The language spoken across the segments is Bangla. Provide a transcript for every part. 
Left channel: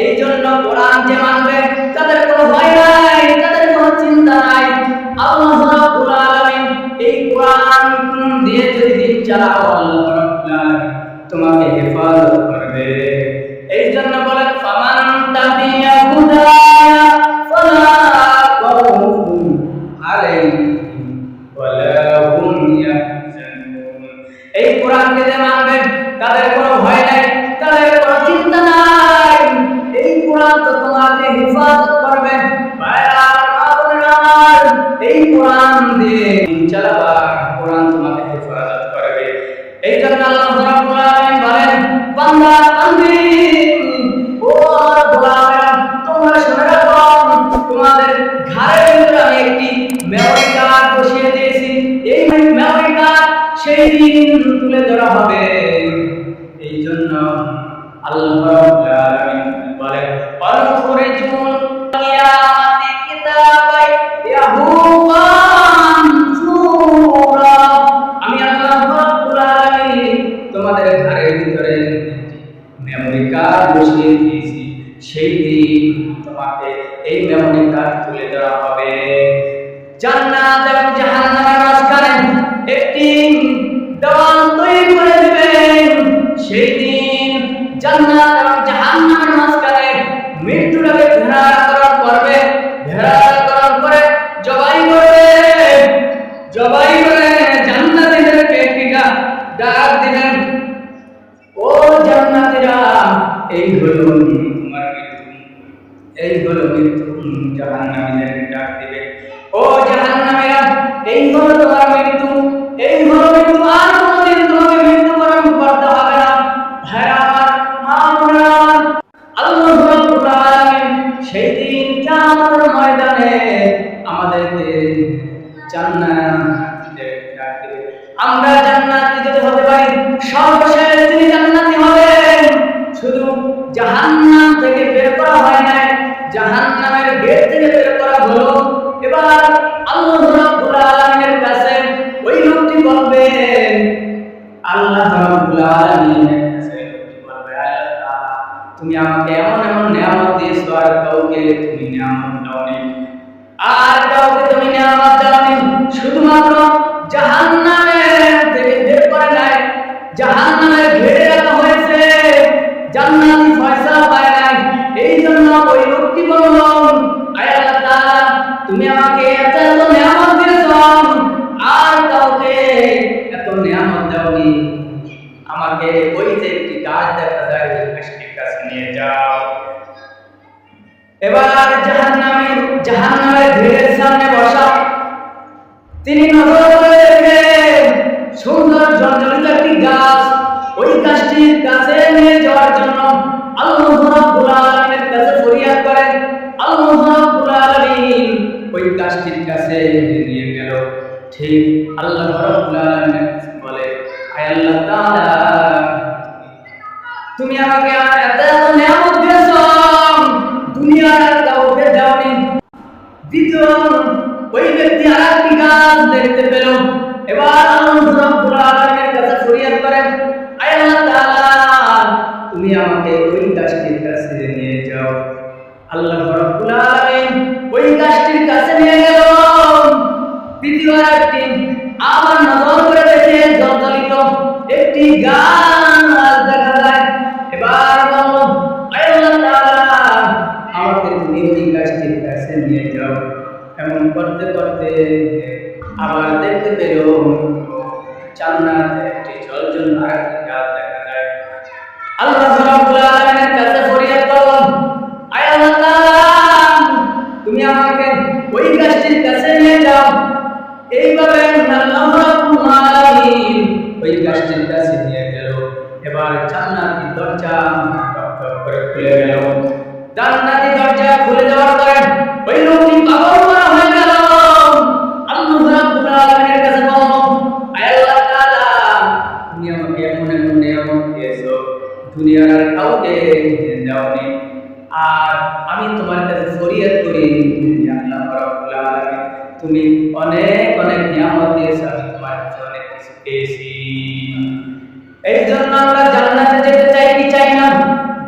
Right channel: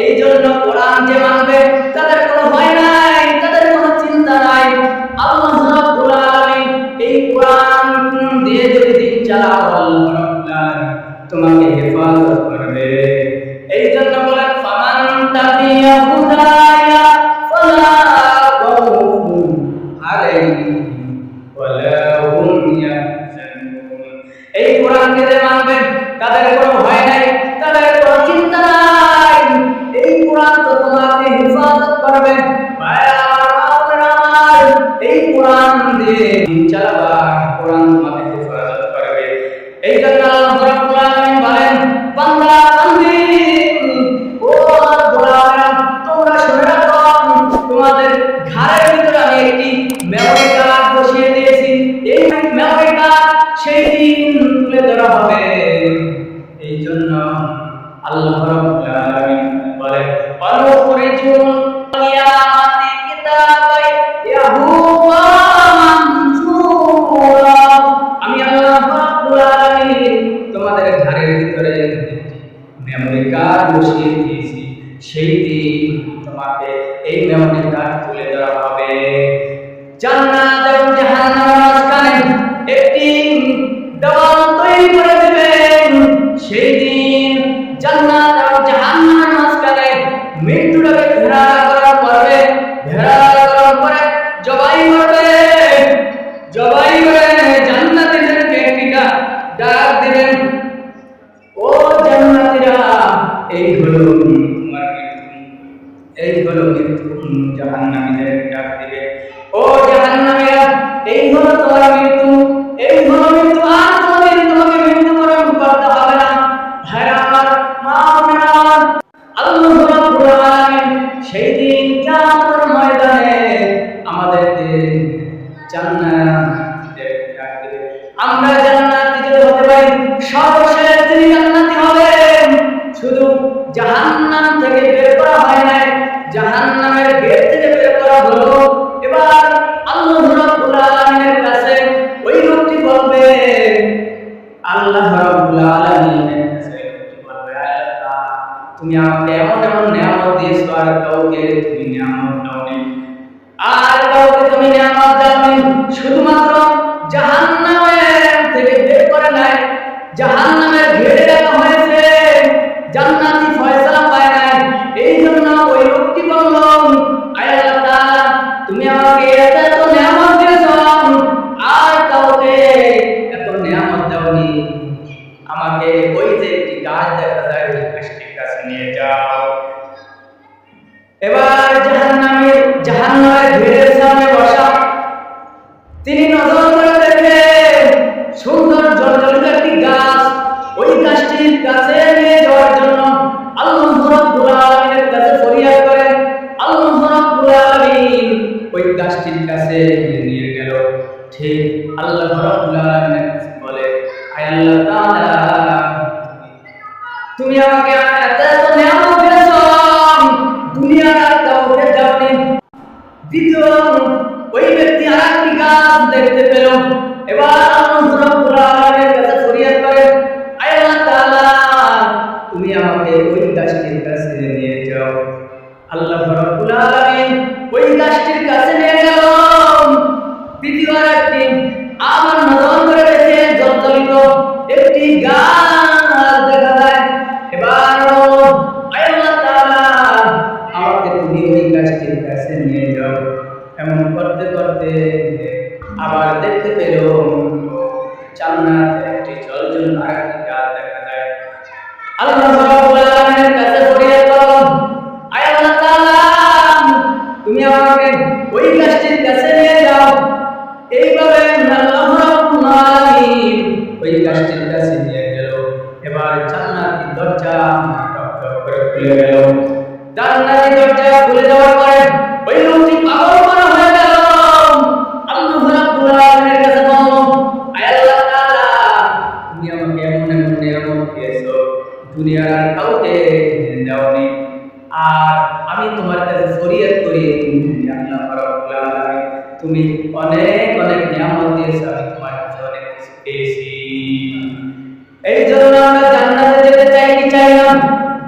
এই জন্য কোরআন যে মানবে তাদের কোনো ভয় নাই, তাদের কোনো চিন্তা নাই। আল্লাহ রাব্বুল আলামিন এই কোরআন দিয়ে যদি দিন চালাও, আল্লাহ রাব্বুল আলামিন তোমাকে হেফাজত করবে। এই জন্য বলেন ফামান তাবিয়া হুদায়া ফালা খাউফুন আলাইহিম ওয়ালা হুম ইয়াহজানুন। এই কোরআনকে যে মানবে তাদের কোনো ভয় নাই, তাদের কোনো চিন্তা নাই। এই কোরআন তো তোমাকে হেফাজত করবে। এই কোরআন দিয়ে দিন চালাবা, কোরআন তোমাকে হেফাজত করবে। এই জন্য আল্লাহ রাব্বুল আলামিন বলেন বান্দা বান্দি ও আমার গোলামেরা, তোমরা শুনে রাখো, তোমাদের ঘরের ভিতরে আমি একটি মেমরি কার্ড বসিয়ে দিয়েছি। এই মেমরি কার্ড সেই দিন তুলে ধরা হবে। এই জন্য আল্লাহ রাব্বুল আলামিন বলেন অনুখরিজুল কিয়ামাতি কিতাবাই ইয়াহুয়া মানসুরা। আমি আল্লাহ রাব্বুল আলামিন তোমাদের ঘরের ভিতরে মেমরি কার্ড বসিয়ে দিয়েছি। সেই দিন তোমাকে এই মেমরি কার্ড তুলে ধরা হবে। জান্নাত এবং জাহান্নামের মাঝখানে একটি দেওয়াল তৈরি করে দিবেন। সেই দিন জান্নাত এবং জাহান্নামের মাঝখানে মৃত্যুটাকে ঘেরাকরণ করবে, ঘেরাকরণ করে জবাই করবে। জবাই করে জান্নাতীদেরকে একটি ডাক দিবেন, ও জান্নাতীরা, এই হলো তোমার মৃত্যু, এই হলো মৃত্যু। জাহান্নামীদেরকে ডাক দিবে, ও জাহান্নামীরা, এই হলো তোমার মৃত্যু, এই হলো মৃত্যু। আর কোনোদিন তোমাকে মৃত্যুবরণ করতে হবে না। ভাইরা আমার, মা বোনেরা, আল্লাহ রাব্বুল আলামিন সেই দিন কিয়ামতের ময়দানে আমাদেরকে জান্নাতীদেরকে ডাক দিবে। আমরা জান্নাতি যদি হতে পারি, সর্বশেষ যিনি জান্নাতি হবেন। শুধু জাহান্নাম থেকে বের করা হয় নাই, জাহান্নামের গেট থেকে বের করা হলো। এবার আল্লাহ রাব্বুল আলামিনের কাছে ওই লোকটি বলবে, আল্লাহ রাব্বুল আলামিনের কাছে লোকটি বলবে, আল্লাহ তাআলা তুমি আমাকে এমন এমন নিয়ামত দিয়েছো, আর কাউকে তুমি নিয়ামত দাওনি, আর কাউকে তুমি নিয়ামত দাওনি। শুধুমাত্র জাহান্নামের থেকে বের করে নাই, জাহান্নামের ঘেরে রাখা হয়েছে, জান্নাতি ফয়সালা পায় নাই। এই জন্য ওই লোকটি বলল, আয় আল্লাহ তাআলা তুমি আমাকে এত এত নিয়ামত দিয়েছো, আর কাউকে এত নিয়ামত দাওনি। আমাকে ওই যে একটি গাছ দেখা যায়, ওই গাছটির কাছে নিয়ে যাও। এবার জাহান্নামের ভিড়ের সামনে বসা, তিনি নজর করে দেখে সুন্দর জলজলিত একটি গাছ। ওই গাছটির কাছে নিয়ে যাওয়ার জন্য আল্লাহ রাব্বুল আলামিনের কাছে ফরিয়াদ করেন। আল্লাহ রাব্বুল আলামিন ওই গাছটির কাছে নিয়ে গেল। ঠিক আল্লাহ রাব্বুল আলামিনের কাছে বলে, আয় আল্লাহ তাআলা তুমি আমাকে এত এত নিয়ামত দিয়েছো, দুনিয়ার আর কাউকে দাওনি। দ্বিতীয় ওই ব্যক্তি আর একটি গাছ দেখতে পেল। এবার আল্লাহ রাব্বুল আলামিনের কাছে ফরিয়াদ করে, আয় আল্লাহ তাআলা তুমি আমাকে ওই গাছটির কাছে নিয়ে যাও। আল্লাহ রাব্বুল আলামিন ওই গাছটির কাছে নিয়ে গেল। দ্বিতীয়বার একটি আবার নজর করে দেখে জলজলিত একটি গাছ দেখা যায়। এবার বলল, আয় আল্লাহ তাআলা আমাকে তুমি ওই গাছটির কাছে নিয়ে যাও। এমন করতে করতে আবার দেখতে পেল জান্নাতের একটি জলজল আরেকটি গাছ দেখা যায়। আল্লাহ রাব্বুল আলামিনের কাছে ফরিয়াদ করল, আয় আল্লাহ তাআলা তুমি আমাকে ওই গাছটির কাছে নিয়ে যাও। এইভাবে আল্লাহ রাব্বুল আলামিন ওই গাছটির কাছে নিয়ে গেল। এবার জান্নাতি দরজা টক টক করে খুলে গেল। জান্নাতি দরজা খুলে যাওয়ার পরে ওই লোকটি পাগল করা হয়ে গেল। আল্লাহ রাব্বুল আলামিনের কাছে বলল, আয় আল্লাহ তাআলা তুমি আমাকে এমন এমন নিয়ামত দিয়েছো, দুনিয়ার আর কাউকে দাওনি। আর আমি তোমার কাছে ফরিয়াদ করি, আল্লাহ রাব্বুল আলামিন তুমি অনেক অনেক নিয়ামত দিয়েছো, আমি তোমার কাছে অনেক কিছু পেয়েছি। এই জন্য আমরা জান্নাতে যেতে চাই কি চাই না?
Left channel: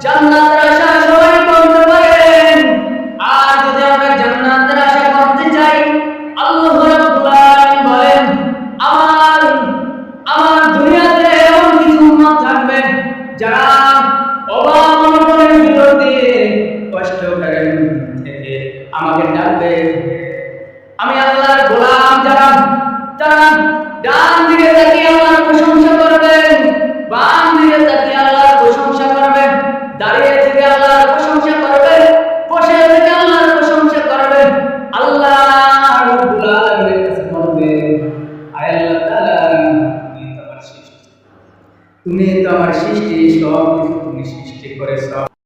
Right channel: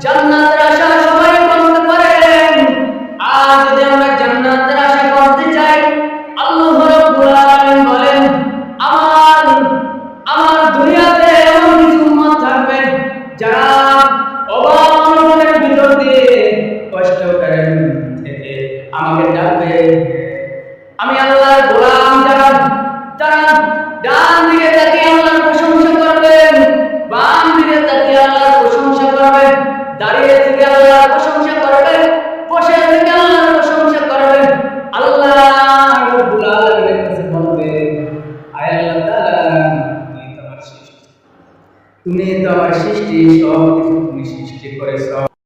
জান্নাতের আশা সবাই যারা ডান দিকে তাকিয়ে আল্লাহর প্রশংসা করবেন, বাম দিকে তাকিয়ে আল্লাহর প্রশংসা করবেন, দাঁড়িয়ে থেকে আল্লাহর প্রশংসা করবেন, বসে থেকে আল্লাহর প্রশংসা করবেন। আল্লাহ রাব্বুল আলামিনের কাছে বলবেন, আয় আল্লাহ তাআলা, তুমি তো আমার সৃষ্টি, সব